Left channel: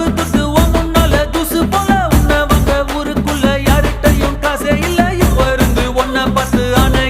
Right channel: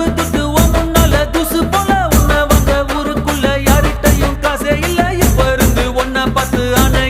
தோப்பு துட்டு முன்னால தூசு போல உன்னை வாங்க ஊருக்குள்ள யார்கிட்டயும் காசே இல்ல இப்ப இருந்து ஒன்ன பார்த்து ஆன